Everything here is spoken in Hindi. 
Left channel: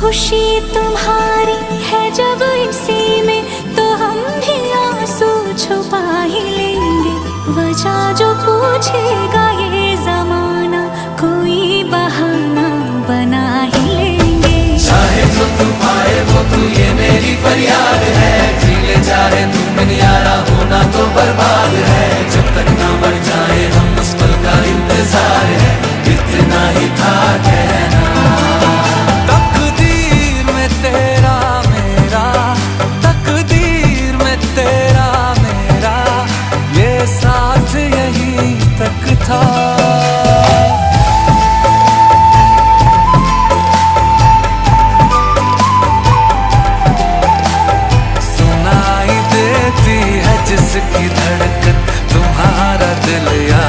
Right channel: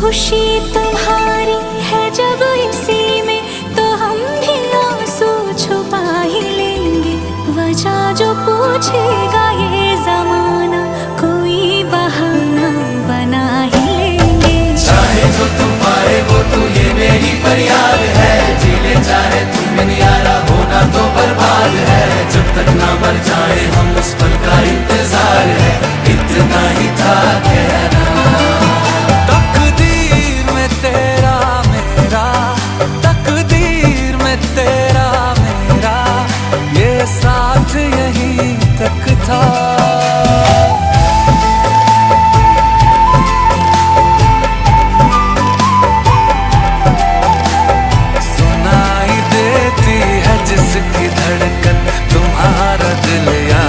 खुशी तुम्हारी है जब इसी में, तो हम भी आंसू छुपा ही लेंगे। वजह जो पूछेगा ये जमाना, कोई बहाना बना ही लेंगे। चाहे जो तू पाए वो तू, ये मेरी फरियाद है। जीले चाहे तुम दुनियारा, होना तो बर्बाद है। जब तक ना बन जाए हम, उस पल का इंतजार है। इतना ही था कहना। तकदीर में तेरा मेरा, तकदीर में तेरा मेरा, ये साथ यहीं तक था। सुनाई देती है जिसकी धड़कन, तुम्हारा दिल या